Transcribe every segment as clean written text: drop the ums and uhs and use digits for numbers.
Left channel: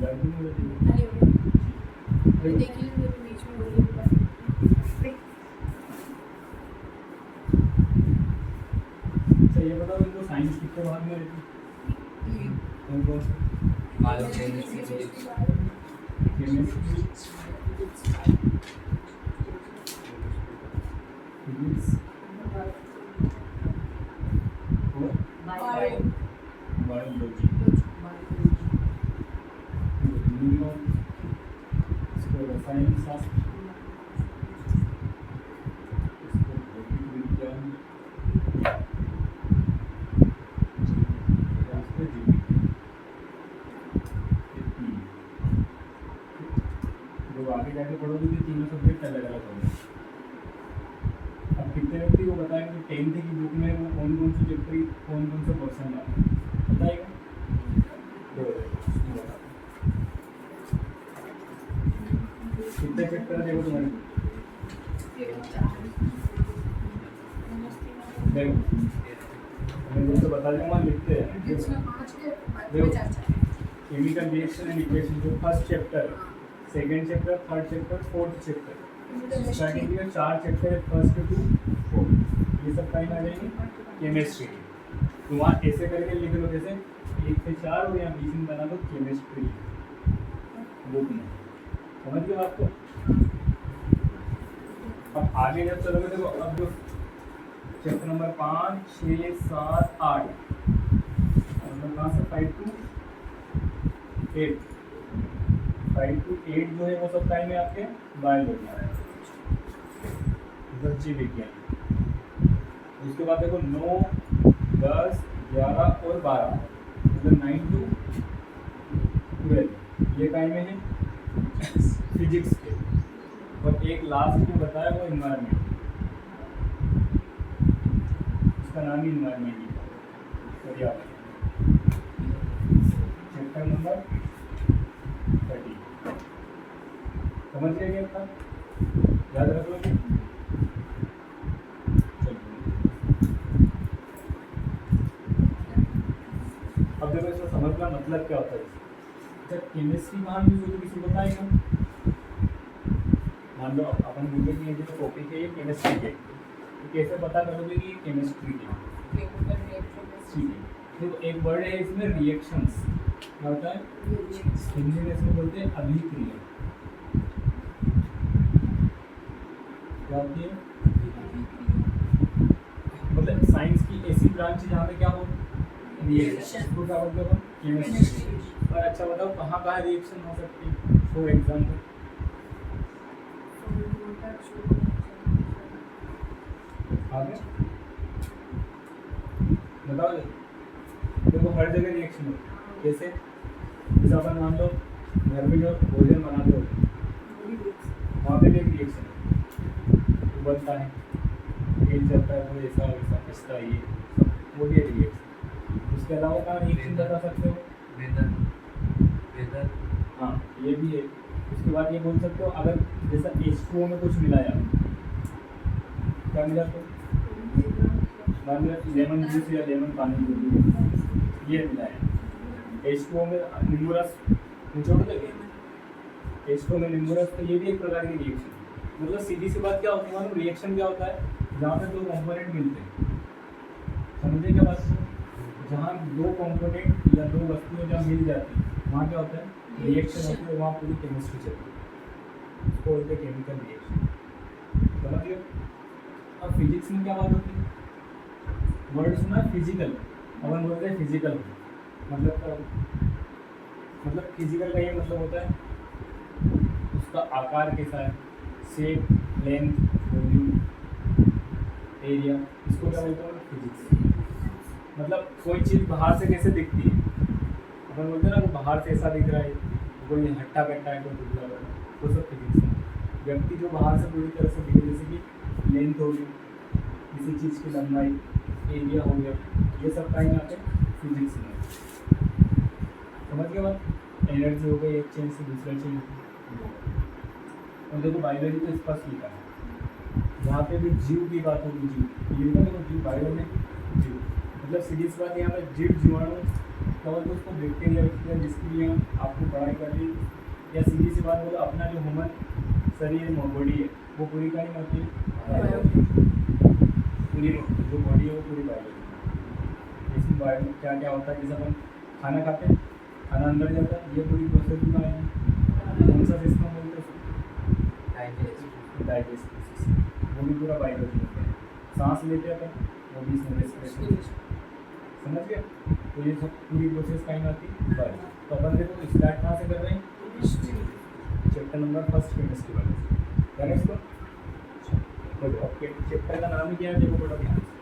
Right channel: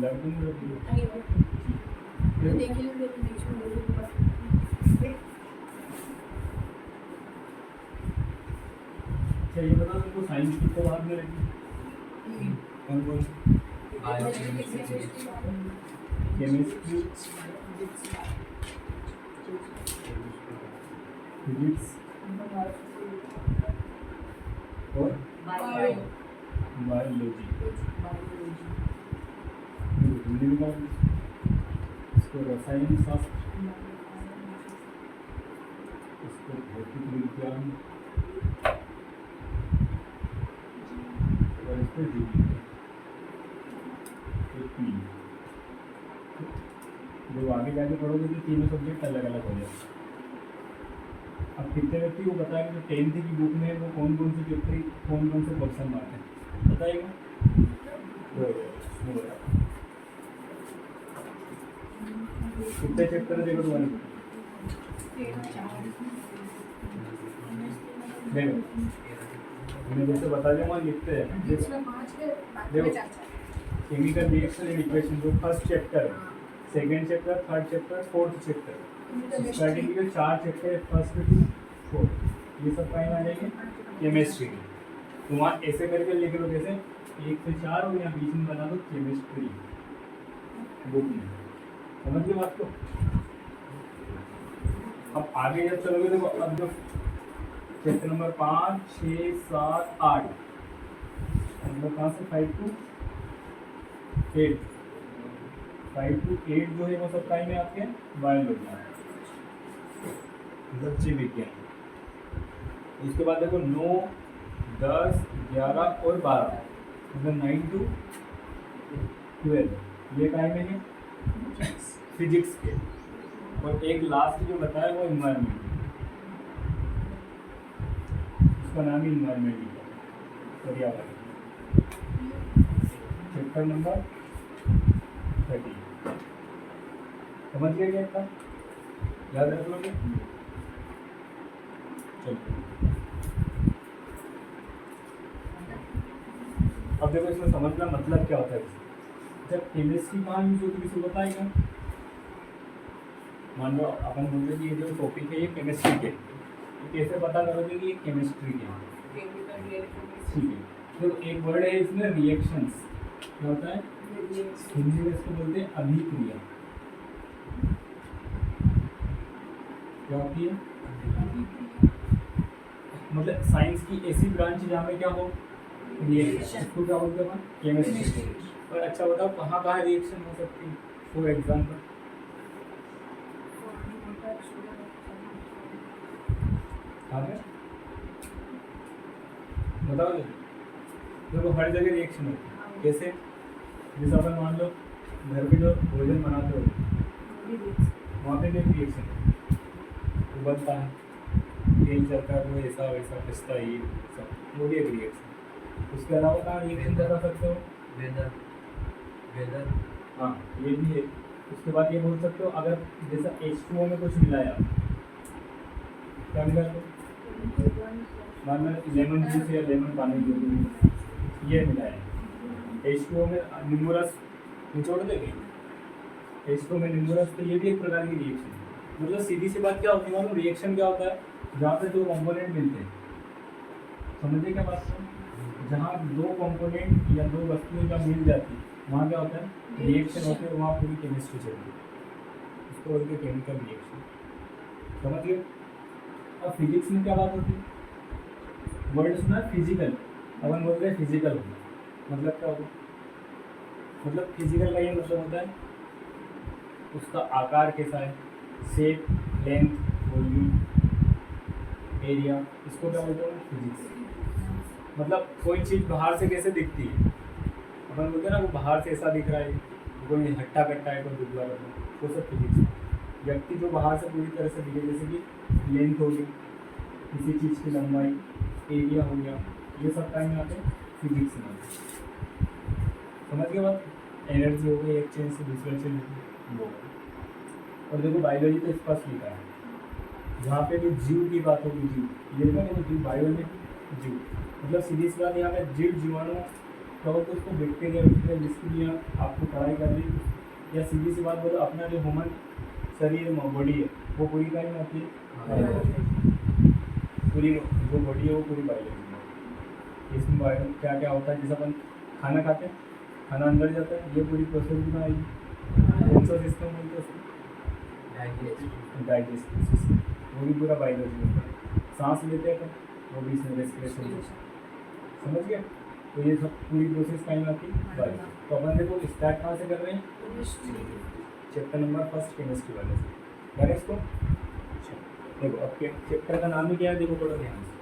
लड़की में नहीं हो देख ली तो बीच में हो गई। अच्छा ये बताओ तुमको साइंस कितने भाग में रहती कौन कौन केमिस्ट्री फिजिक्स और बायोलॉजी हिंदी में इसको रसायन शास्त्र इसको भौतिक विज्ञान और इसको जीव विज्ञान ये तीन जब आगे जाके पढ़ोगे तो तीनों सब्जेक्ट अलग अलग होंगे। अब कितने व्यक्ति को बताएंगे कि 10th की बुक में वो कौन कौन से चैप्टर कौन कौन से क्वेश्चन आए बताएगा कितने चैप्टर देखो तुम्हारे देखो मैं जैसे बता दूंगा लिखते हैं देखो केमिकल रिएक्शन एंड इक्वेशन जो first chapter second chapter third chapter fourth chapter starting के 4 चैप्टर फर्स्ट टू फोर्थ ये सब कहीं आ जाएंगे केमिस्ट्री तो वहाँ ऐसे करके लिख लो जैसे 1 से 4 और यहाँ बीच में बना दो केमिस्ट्री बुक में समझ गए बात को। अब आगे जब चलोगे देखो अब जो चैप्टर नंबर 5 6 7 8 हम लोग कहाँ से 5 to 8 5 to 8 जो है वो सब टाइम है आपके बायोलॉजी जीव विज्ञान। इसके बाद देखो 9 10 11 और 12 मतलब 9 to 12 ये टाइम है फिजिक्स के और एक लास्ट जो बताया वो इन्वायरमेंट उसका नाम ही इन्वायरमेंट पर्यावरण चैप्टर नंबर 30 समझ गए क्या था याद रख लो अब देखो इसमें समझना मतलब क्या होता है जब केमिस्ट्री कहाँ यूज होती है किसी बताएगा मान लो अपन बोलते कि ये जो टॉपिक है ये केमिस्ट्री के तो कैसे पता करोगे कि ये केमिस्ट्री के ठीक है तो एक वर्ड है इसमें रिएक्शंस क्या होता है हिंदी में इसको बोलते हैं अभिक्रिया क्या होती है मतलब साइंस की ऐसी ब्रांच जहाँ पे क्या हो रिएक्शन इसको क्या बोलते हैं केमिस्ट्री और अच्छा बताओ कहाँ कहाँ रिएक्शन हो सकती है फॉर एग्जाम्पल बताओ देखो हर जगह रिएक्शन हो कैसे जैसे अपन मान लो घर पे जो भोजन बनाते हो वहाँ पे भी एक रिएक्शन है बनता है तेल चलता है वो ऐसा वैसा पछता है ये सब वो भी एक रिएक्शन उसके अलावा कहाँ रिएक्शन बता सकते हो वेदर हाँ ये भी है उसके बाद ये बोल सकते हो अगर जैसा H2O में कुछ मिलाया क्या मिला तो मान लो लेमन जूस या लेमन पानी जो भी ये मिलाया H2O में नींबू रस छोड़ देंगे H2O में नींबू रस तो ये भी एक प्रकार की रिएक्शन है मतलब सीधी सी बात क्या होती है मालूम रिएक्शन क्या होता है जहाँ पे दो कंपोनेंट मिलते हैं समझिए क्या बात है जहाँ दो कंपोनेंट या दो वस्तुएं जहाँ मिल जाती है वहाँ क्या होता है रिएक्शन होती है वहाँ पूरी केमिस्ट्री चलती है उसको बोलते हैं केमिकल रिएक्शन समझिए। अब फिजिक्स में क्या बात होती है वर्ड सुना फिजिकल अपन बोलते हैं फिजिकल मतलब क्या होता मतलब फिजिकल का ये मतलब होता है उसका आकार कैसा है शेप लेंथ वॉल्यूम एरिया इसको क्या बोलते हैं फिजिक्स मतलब कोई चीज़ बाहर से कैसे दिखती है अपन बोलते हैं ना वो बाहर से ऐसा दिख रहा है कोई हट्टा कट्टा है कोई दुबला है वो सब फिजिक्स है। व्यक्ति जो बाहर से पूरी तरह से दिखे जैसे कि लेंथ हो गई किसी चीज़ की लंबाई एरिया हो गया ये सब टाइम आते हैं फिजिक्स में समझ के बाद एनर्जी हो गई एक चेंज से दूसरे चेंज और देखो बायोलॉजी तो स्पष्ट लिखा है जहाँ पे भी जीव की बात होगी जीव ये तो जीव बायो में जीव मतलब सीधी सी बात यहाँ पे जीव जीवाणु क्या बोलते हैं उसको, बैक्टीरिया जिसके लिए आपको पढ़ाई कर रही है, या सीधी सी बात बोलो अपना जो ह्यूमन शरीर बॉडी है वो पूरी का ही होती है, पूरी जो बॉडी है वो पूरी बायोलॉजी। इसमें बायो क्या क्या होता है, जैसे अपन खाना खाते हैं, खाना अंदर जाता है, ये पूरी प्रोसेस भी आएगी। कौन सा सिस्टम बोलते हैं, डाइजेस्टिव सिस्टम, वो भी पूरा बायोलॉजी होता है। सांस लेते हैं अपन, वो भी इसमें रेस्पिरेशन, समझ गए। तो ये सब पूरी प्रोसेस कहीं आती है। तो अपन देखो स्टार्ट कहाँ से कर रहे हैं, चैप्टर नंबर 1 केमिस्ट्री वाले से करें इसको। देखो अब चैप्टर का नाम ही क्या है, देखो थोड़ा ध्यान से।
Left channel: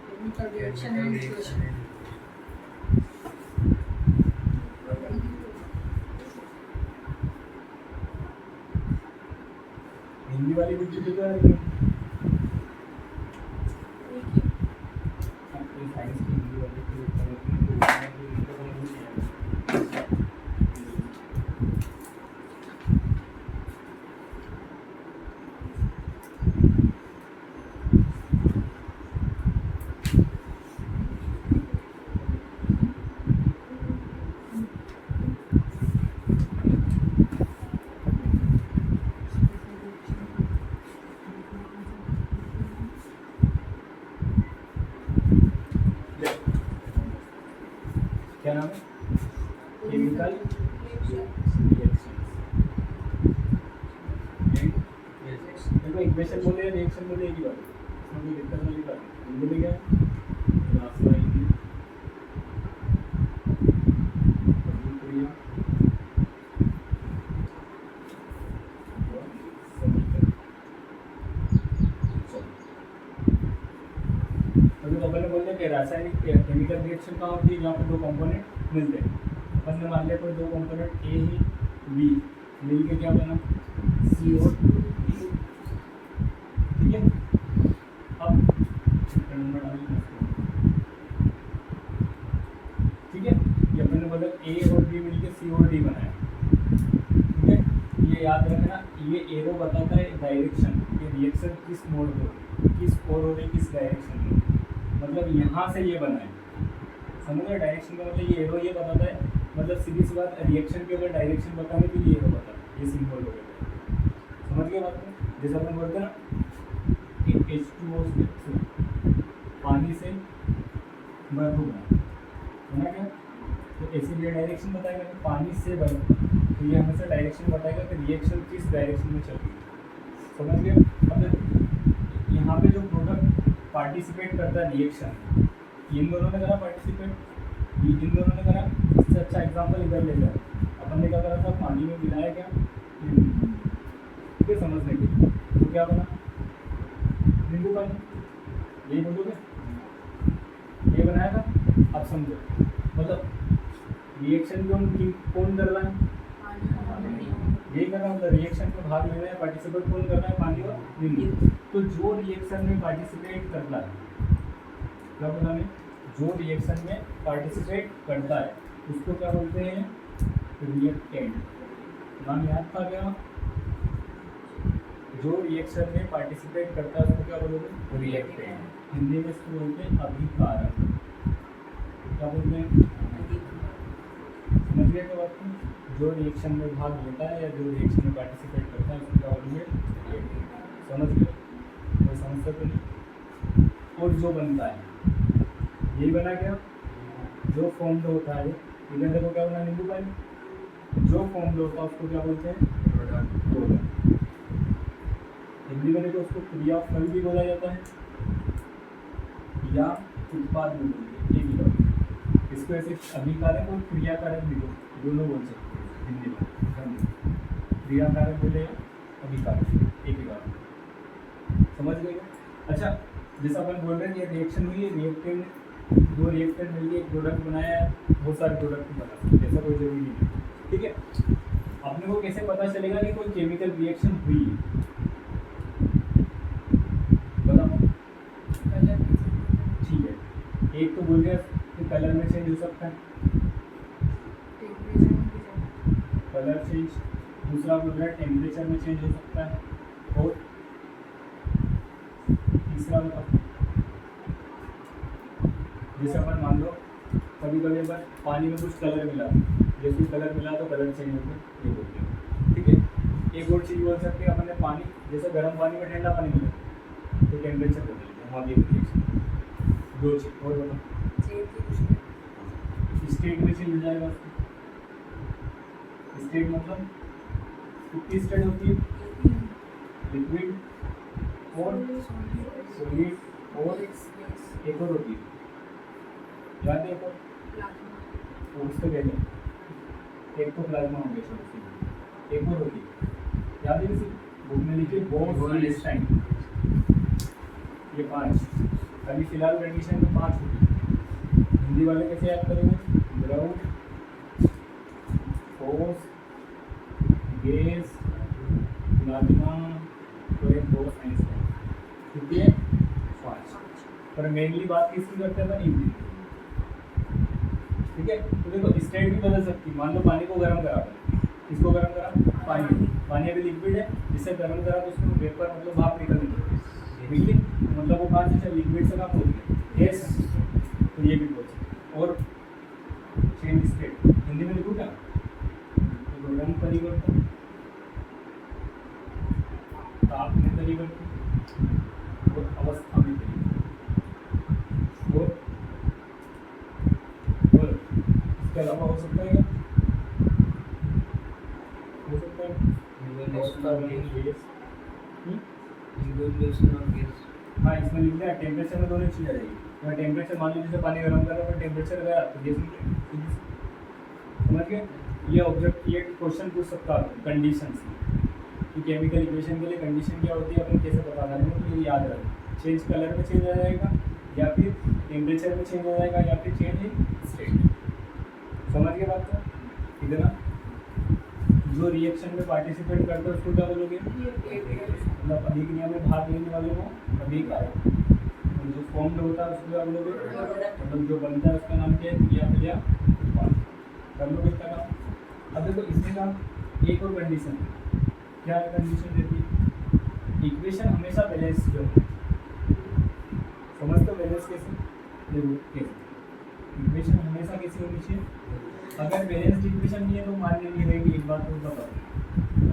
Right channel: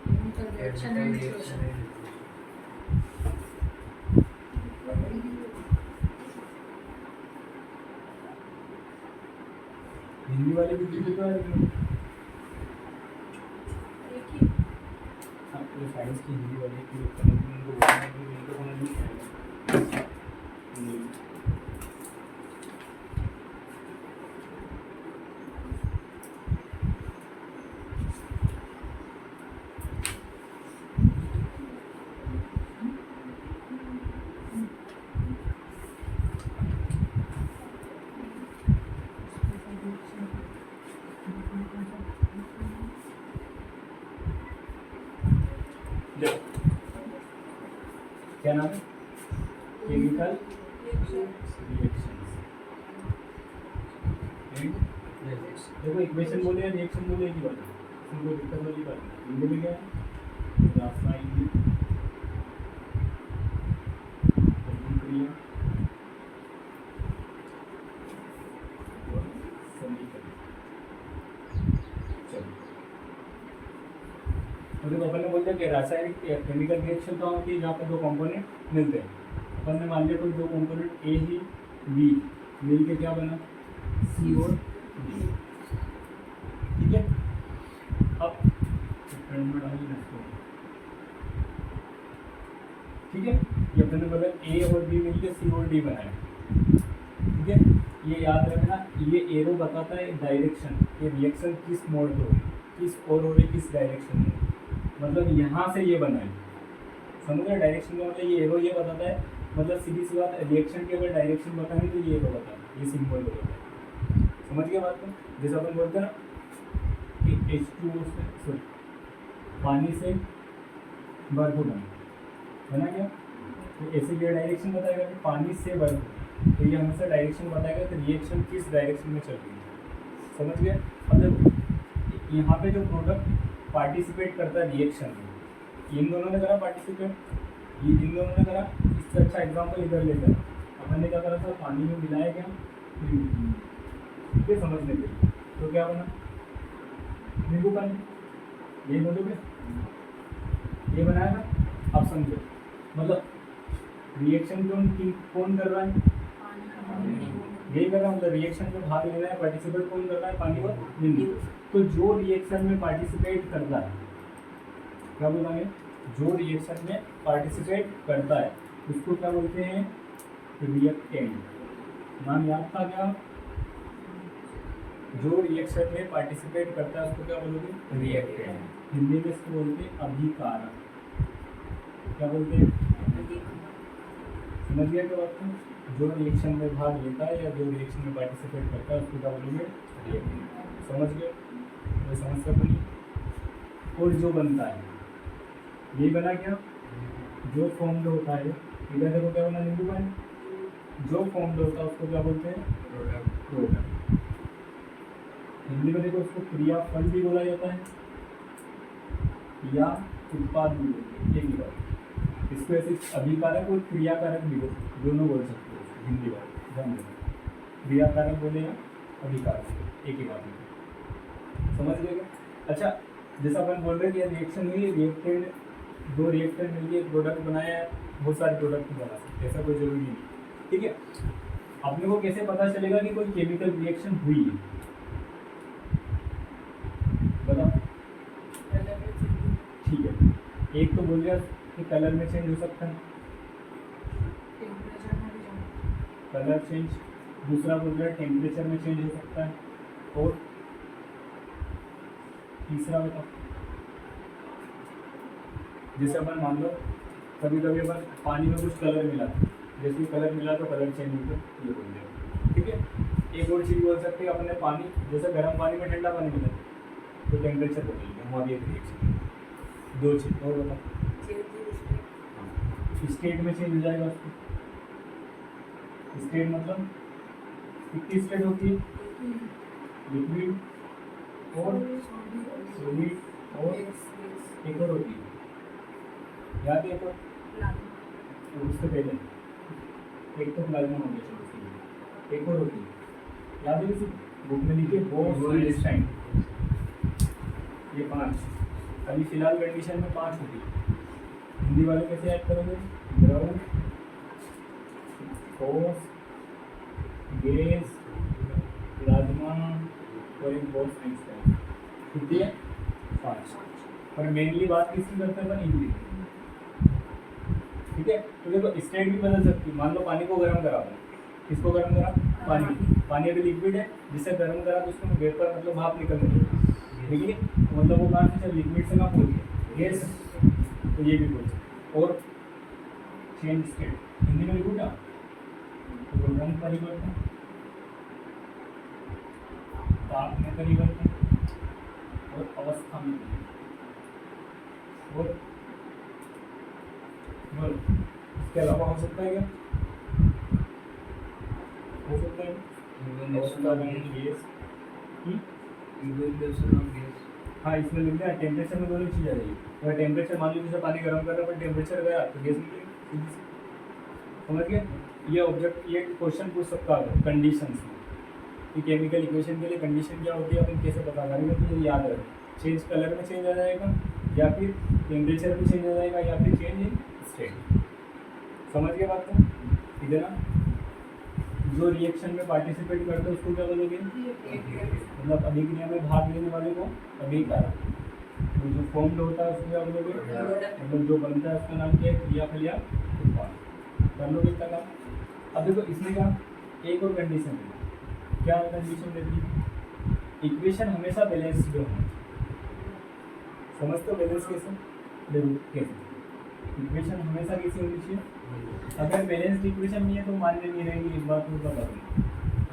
हिंदी वाली भी तो है लेकिन साइंस की हिंदी वाली क्या नाम है, केमिकल रिएक्शन। देखो इक्वेशन बोले या रिएक्शन बोले एक ही बात है, इसमें कोई दिक्कत वाली बात नहीं। हिंदी में क्या है, रासायनिक अभिक्रिया व समीकरण। अभी अपन ने बोल दिया कि रासायनिक केमिकल रिएक्शन कहाँ होती है, जहाँ पर दो कंपोनेंट मिलते हैं। अपन ने मान लिया कोई दो कंपोनेंट ए ही बी मिल के क्या बना, सी और ठीक है। अब ठीक है, ये अपन ने बोला ए और बी मिल के सी और डी बनाया, ठीक है। ये याद रखना, ये एरो बताता है डायरेक्शन, ये रिएक्शन किस मोड पे हो रही, किस ओर हो रही, किस डायरेक्शन में, मतलब यहाँ से ये बना है, समझ रहे। डायरेक्शन का मतलब ये एरो ये बताता है, मतलब सीधी सी बात, रिएक्शन के अगर डायरेक्शन बताएं तो ये एरो बताता है, ये सिंबल बताता है, समझ गए बात को। जैसे अपन बोलते हैं ना H2O से पानी से बर्फ बना है ना, क्या तो ऐसे ये डायरेक्शन बताएगा कि पानी से बर्फ, तो ये हमेशा डायरेक्शन बताएगा कि रिएक्शन किस डायरेक्शन में चल रही है, समझ गए। मतलब यहाँ पे जो प्रोडक्ट पार्टिसिपेट करता है रिएक्शन, इन दोनों ने करा पार्टिसिपेट, ये इन दोनों ने करा। इससे अच्छा एग्जांपल इधर लेकर अपन ने क्या करा था, पानी में मिलाया क्या, ठीक है, समझने के लिए। तो क्या बना, नींबू पानी, यही बोलोगे, ये बनाया था। अब समझो, मतलब रिएक्शन कौन कर रहा है, यही कर रहा हूँ, रिएक्शन में भाग ले रहा है, पार्टिसिपेट कौन कर रहा है, पानी और नींबू। तो जो रिएक्शन में पार्टिसिपेट करता है, क्या बोला है, जो रिएक्शन में पार्टिसिपेट करता है उसको क्या बोलते हैं, रिएक्टेंट। नाम याद था क्या, जो रिएक्शन में पार्टिसिपेट करता है उसको क्या बोलोगे, रिएक्टेंट। हिंदी में इसको बोलते हैं अभिकारक, क्या बोलते हैं, समझ गया क्या बात को। जो रिएक्शन में भाग लेता है या जो रिएक्शन में पार्टिसिपेट करता है उसको क्या बोलेंगे, समझ गए, कोई समस्या तो नहीं। और जो बनता है, यही बना क्या, जो फॉर्म्ड होता है, इधर देखो क्या बना, नींबू पानी। जो फॉर्म्ड होता है उसको क्या बोलते हैं, प्रोडक्ट। हिंदी में देखो उसको क्रिया फल भी बोला जाता है या उत्पाद भी बोलते हैं, एक ही बात। इसको ऐसे अभिकारक और क्रियाकारक भी दोनों बोल सकते हैं हिंदी में, क्रियाकारक बोले या अभिकारक, एक ही बात, समझ गए। अच्छा, जैसा अपन बोल रहे हैं कि रिएक्शन हुई है, रिएक्टेड, दो रिएक्टेड मिलकर एक प्रोडक्ट बनाया है, बहुत सारे प्रोडक्ट बना सकते हैं, ऐसा कोई जरूरी नहीं है, ठीक है। अपने को कैसे पता चलेगा कि कोई केमिकल रिएक्शन हुई है, बताओ, ठीक है। एक तो बोल दिया कि कलर में चेंज हो सकता है, कलर चेंज, दूसरा बोल रहा है टेम्परेचर में चेंज हो सकता है, और तीसरा बताओ, जैसे अपन मान लो कभी कभी अगर पानी में कुछ कलर मिला, जैसे कलर मिला तो कलर चेंज हो गया, ये बोल दिया। ठीक है, एक और चीज़ बोल सकते हैं अपन ने, पानी जैसे गर्म पानी में ठंडा पानी मिला तो टेम्परेचर बदल गया, हमारी रिएक्शन। दो चीज़ और बता, स्टेट में चेंज हो जाएगा। स्टेट मतलब कितनी स्टेट होती है, लिक्विड और सॉलिड और एक और होती है, याद है एक और उससे पहले एक तो प्लाज्मा हो गया, एक और होती है, याद है किसी बुक में लिखे बोल्डस्टाइन, ये 5, अभी फिलहाल कंडीशन में 5 होती है। हिंदी वाले कैसे याद करेंगे, ग्राउंड, ठोस, गैस, प्लाज्मा और एक बोल्स आइंस्टाइन, कितनी है 5। पर मेनली बात किसकी करते हैं अपन, इनकी। ठीक है, तो देखो स्टेट भी बदल सकती है। मान लो पानी को गर्म करा, किसको गर्म करा, पानी अभी लिक्विड है, जिससे गर्म करा तो उसमें वेपर मतलब भाप निकल रही है, ठीक है, मतलब वो कहाँ से लिक्विड से कहाँ पहुँच गया, गैस, तो ये भी पहुँच। और चेंज स्टेट हिंदी में लिखूँ क्या, तो रंग परिवर्तन, ताप में परिवर्तन और अवस्था में परिवर्तन। और इसके अलावा हो सकता है क्या, हो सकता है हाँ, इसमें लिख दिया टेम्परेचर में दोनों चीज़ आ जाएगी। अगर टेम्परेचर मान लीजिए पानी गर्म कर रहा है पर टेम्परेचर गया तो गैस समझ गए। ये ऑब्जेक्ट, ये क्वेश्चन पूछ सकता है कंडीशंस कि केमिकल इक्वेशन के लिए कंडीशन क्या होती है, अपन कैसे पता करेंगे, तो ये याद रखें। चेंज कलर में चेंज आ जाएगा, या फिर टेम्परेचर में चेंज आ जाएगा, या फिर चेंज इन स्टेट। समझ गए बात को, ठीक है ना। जो रिएक्शन में पार्टिसिपेट करते हैं उसको क्या बोलोगे, मतलब अभिक्रिया में भाग लेने वाले को अभिकारक, जो फॉर्म्ड होता है उसको क्या बोलोगे, मतलब जो बनता है उसका नाम क्या है, क्रिया उत्पाद। कर लोगे इतना काम। अब देखो इसमें का एक और कंडीशन है, क्या कंडीशन देती है, इक्वेशन हमेशा बैलेंस्ड हो। समझते हो बैलेंस कैसे, देखो कैसे इक्वेशन हमेशा कैसी होनी चाहिए, अगर बैलेंस्ड इक्वेशन नहीं है तो मान्य नहीं रहेगी। एक बात तो बता,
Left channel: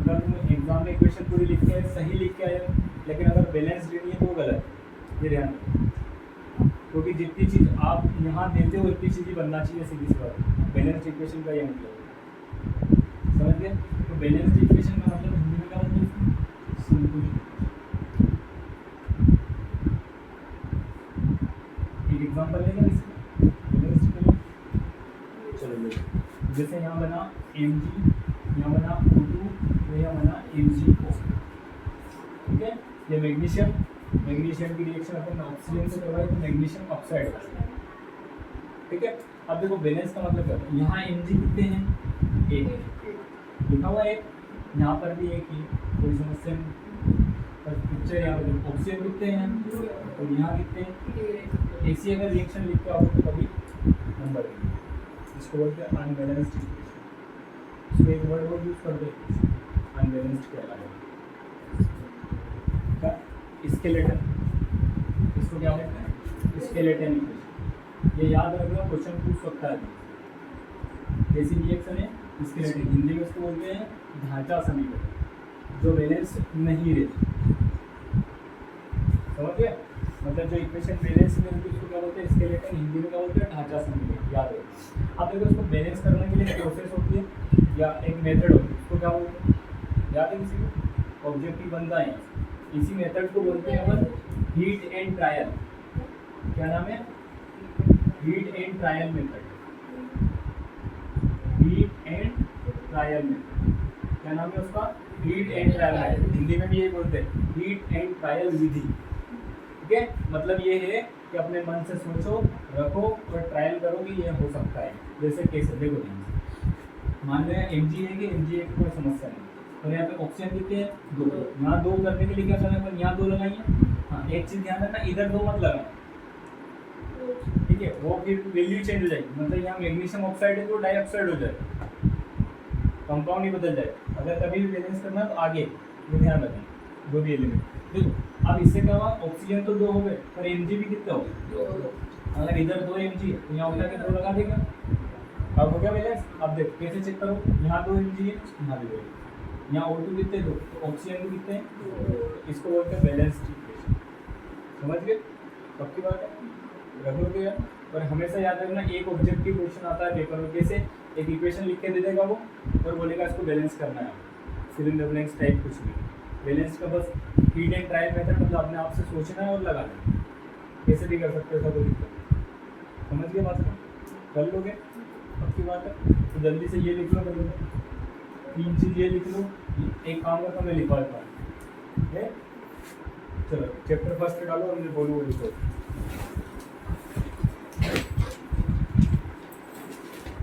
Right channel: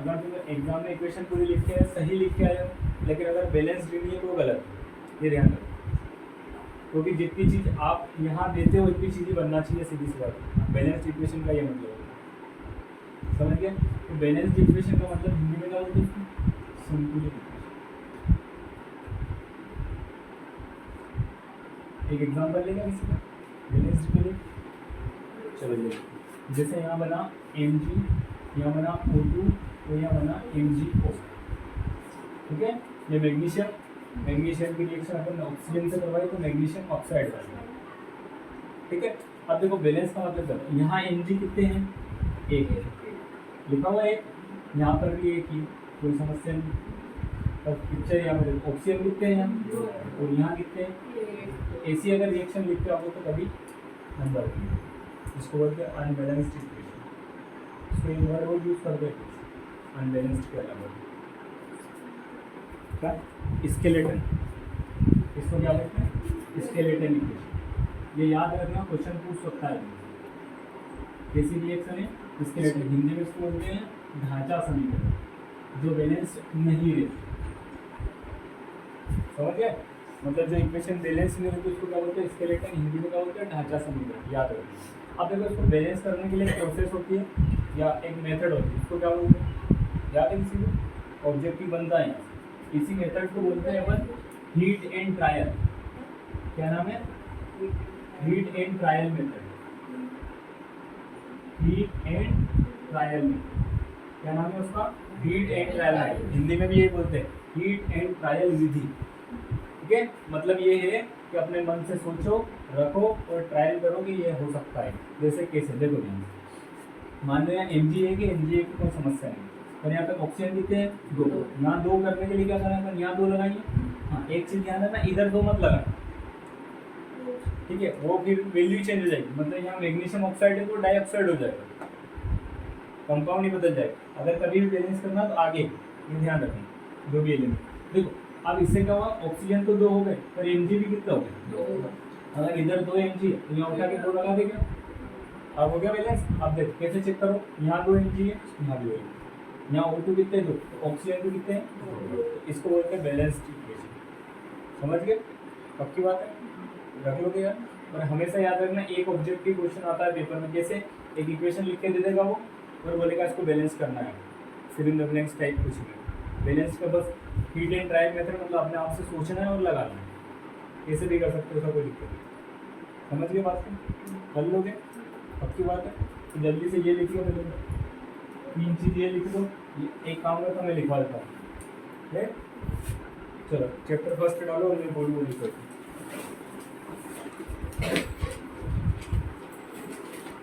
अगर तुम एग्जाम में इक्वेशन पूरी लिख के सही लिख के आए, लेकिन अगर बैलेंस्ड नहीं है तो गलत, ये ध्यान रखो। क्योंकि जितनी चीज़ आप यहाँ देते हो इतनी चीज़ ही बनना चाहिए, सीधी सी बात। बैलेंस्ड इक्वेशन का ये मतलब है, समझ गया। तो बैलेंस्ड इक्वेशन का मतलब हिंदी में क्या होता है, संतुलित। एक एग्जाम्पल लेगा इसका बैलेंस्ड के लिए, चलिए जैसे यहाँ बना Mg, यहाँ बना O2, तो यहाँ बना MgO, ठीक है। ये मैग्नीशियम की रिएक्शन अपन ऑक्सीजन से करवाई तो मैग्नीशियम ऑक्साइड बनेगा, ठीक है। अब देखो बैलेंस का मतलब क्या, यहाँ Mg कितने हैं, 1 लिखा हुआ, 1 यहाँ पर भी 1 ही, कोई समस्या नहीं। पर पिक्चर यहाँ पर ऑक्सीजन कितने हैं और यहाँ कितने हैं। ऐसी अगर रिएक्शन लिख के आओ तो कभी नंबर, इसको बोलते हैं अनबैलेंस्ड इक्वेशन। इसमें एक वर्ड वो यूज करते हैं अनबैलेंस्ड के अलावा, क्या, स्केलेटन, इसको क्या बोलते हैं, स्केलेटन इक्वेशन। ये याद रखना, क्वेश्चन पूछ सकता है। कैसी रिएक्शन है, स्केलेटन, हिंदी में इसको बोलते हैं ढांचा समीकरण, जो बैलेंस नहीं रहती। समझ गए, मतलब जो इक्वेशन बैलेंस में रहती है उसको क्या बोलते हैं, स्केलेटन, हिंदी में क्या बोलते हैं, ढांचा समीकरण, याद रखो। अब देखो इसको बैलेंस करने के लिए एक प्रोसेस होती है या एक मेथड होती है, उसको क्या बोलते हैं, याद है किसी को, ऑब्जेक्टिव बनता है। इसी मेथड को बोलते हैं अपन हीट एंड ट्रायल। क्या नाम है, heat and trial method, heat and trial method. क्या नाम है उसका, heat and trial method. Hindi में भी यही बोलते हैं, हीट एंड ट्रायल विधि, ठीक है। मतलब ये है कि अपने मन से सोचो, रखो और ट्रायल करो कि ये हो सकता है। जैसे कैसे, देखो ध्यान से, मान लो यहाँ Mg है कि Mg की कोई समस्या नहीं, और यहाँ पे ऑक्सीजन कितने हैं, 2। यहाँ 2 करने के लिए क्या करना है, यहाँ 2 लगाइए। हाँ, एक चीज़ ध्यान रखना, इधर 2 मत लगाना, ठीक है, वो फिर वैल्यू चेंज हो जाएगी। मतलब यहाँ मैग्नीशियम ऑक्साइड है तो डाइऑक्साइड हो जाएगा, कंपाउंड ही बदल जाएगा। अगर कभी भी बैलेंस करना तो आगे ये ध्यान रखें, जो भी एलिमेंट। देखो अब इससे क्या हुआ, ऑक्सीजन तो 2 हो गए पर Mg भी कितना हो गया, अगर इधर 2 mg है तो यहाँ उठा के 2 लगा देगा। अब हो गया बैलेंस। अब देख कैसे चेक करो, यहाँ 2 mg है, यहाँ 2 है, यहाँ O2 कितने, 2, ऑक्सीजन भी कितने हैं, इसको बोलते हैं बैलेंस्ड इक्वेशन। समझ गए? पक्की बात है, रख लो तो यार। और हमेशा याद रखना, एक ऑब्जेक्टिव क्वेश्चन आता है पेपर में, कैसे एक इक्वेशन लिख के दे देगा वो और बोलेगा इसको बैलेंस करना है, fill in the blanks type कुछ नहीं। बैलेंस का बस फीड एंड ट्रायल मेथड, मतलब अपने आप से सोचना है और लगाना है, कैसे भी कर सकते हो, ऐसा कोई दिक्कत नहीं। समझ गए बात को? कर लोगे? पक्की बात है। तो जल्दी से ये लिख लो पहले, 3 चीज़ ये लिख लो। एक काम करता मैं लिखवा देता हूँ, चलो चैप्टर फर्स्ट डालो और मैं बोलूँ वो लिखो।